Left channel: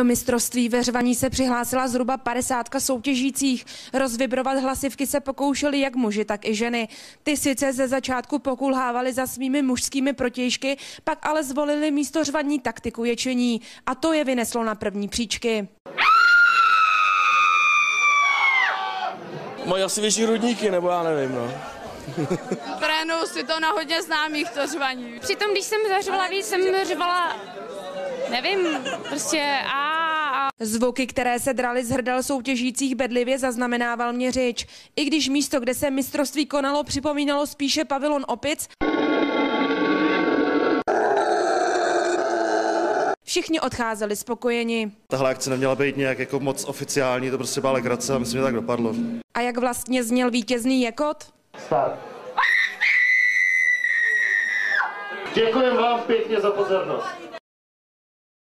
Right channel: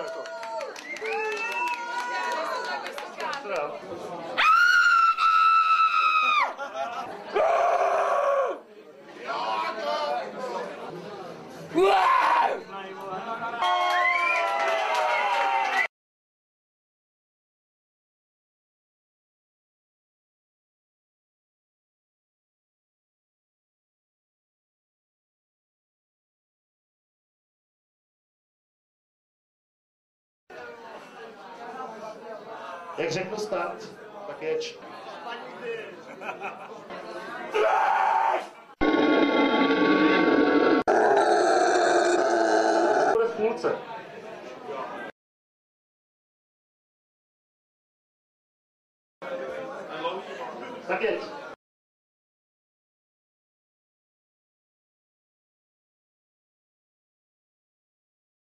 Do mistrovství ve řvaní se přihlásila zhruba 50 soutěžících. Rozvibrovat hlasivky se pokoušeli jak muži, tak i ženy. Ty sice ze začátku pokulhávali za svými mužskými protějšky, pak ale zvolili místo řvaní taktiku ječení. A to je vyneslo na první příčky. Mají asi větší hrudníky, nebo já nevím, no. Trénuju si to na hodně známých, to řvaní. Přitom, když jsem zařvala víc, jsem řvala, nevím, prostě Zvuky, které se draly z hrdel soutěžících, bedlivě zaznamenával měřič. I když místo, kde se mistrovství konalo, připomínalo spíše pavilon opic, všichni odcházeli spokojeni. Tahle akce neměla být nějak jako moc oficiální, to prostě byla legrace a myslím, že tak dopadlo. A jak vlastně zněl vítězný jekot? Děkujeme vám pěkně za pozornost.